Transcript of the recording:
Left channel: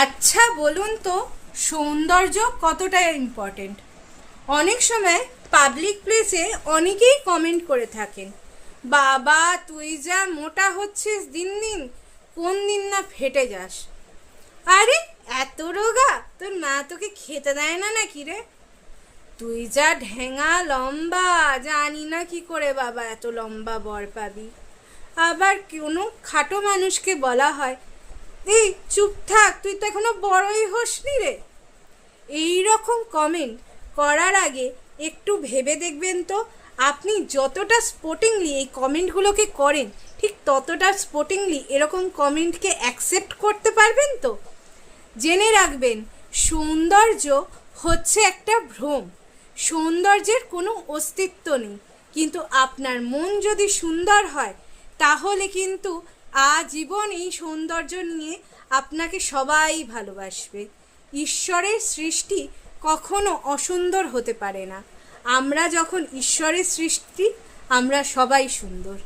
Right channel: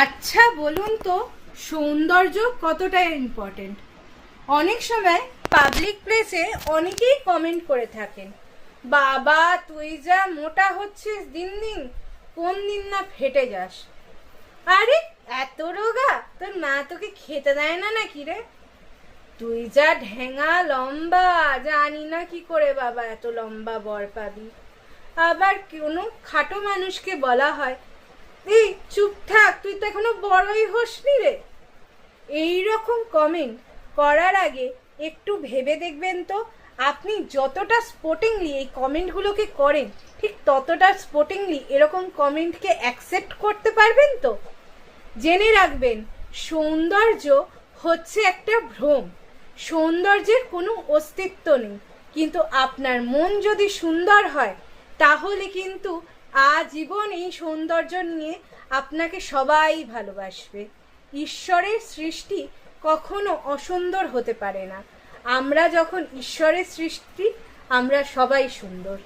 আচ্ছা বলুন তো, সৌন্দর্য কতটা ইম্পর্টেন্ট? অনেক সময় পাবলিক প্লেসে অনেকেই কমেন্ট করে থাকেন, বাবা তুই যা মোটা হচ্ছিস দিন দিন, কোন দিন না ফেটে যাস। আরে এত রোগা, তোর মা তোকে খেতে দেয় না নাকি রে? তুই যা ঢেঙা লম্বা, জানি না কি করে বাবা এত লম্বা বর পাবি। আবার কোনো খাটো মানুষকে বলা হয়, এই চুপ থাক, তুই তো এখনো বড়ই হসনি রে। এই রকম কমেন্ট করার আগে একটু ভেবে দেখবেন তো, আপনি যতটা স্পোর্টিংলি এই কমেন্টগুলোকে করেন, ঠিক ততটা স্পোর্টিংলি এরকম কমেন্টকে অ্যাকসেপ্ট করতে পারবেন তো? জেনে রাখবেন, সৌন্দর্য হচ্ছে একটা ভ্রম। সৌন্দর্যের কোনো অস্তিত্ব নেই, কিন্তু আপনার মন যদি সুন্দর হয় তাহলে কিন্তু আজীবন এই সৌন্দর্য নিয়ে আপনাকে সবাই ভালোবাসবে। ঈশ্বরের সৃষ্টি কখনো অসুন্দর হতে পারে না। আমরা যখন ঈশ্বরের সৃষ্টি, আমরা সবাই সুন্দর।